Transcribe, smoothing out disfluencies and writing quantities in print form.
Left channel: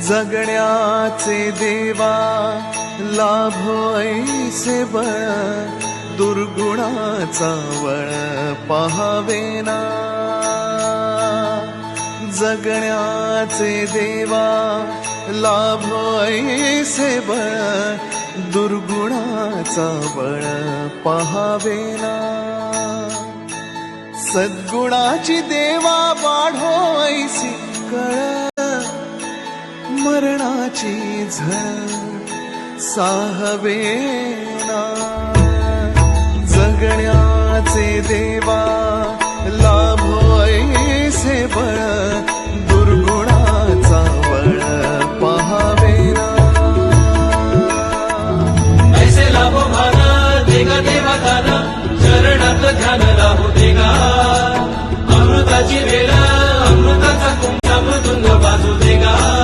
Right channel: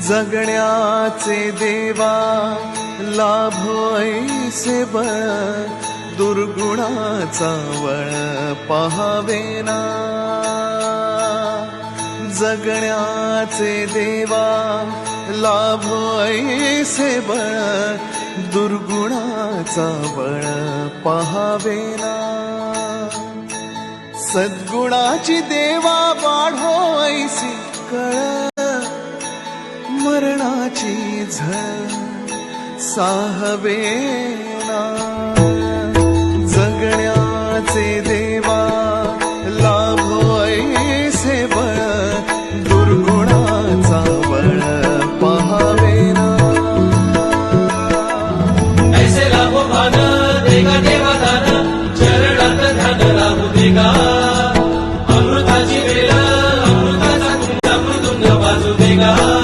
जगण्याचे देवा लाभो ऐसे बळ, दुर्गुणाचा वळ पहावेना. जगण्याचे देवा लाभो ऐसे बळ, दुर्गुणाचा बळ पहावेना. सद्गुणाची देवा वाढो ऐसी कळ, मरणाची झळ साहवेना. जगण्याचे देवा लाभो ऐसे बळ, दुर्गुणाचा बळ पहावेना. ऐसे लाभो भान देगा देवा दान, चरणात ध्यान लाभू देगा. अमृताची वेळ अमृताचा तुमचा मृदुंग वाजू देगा.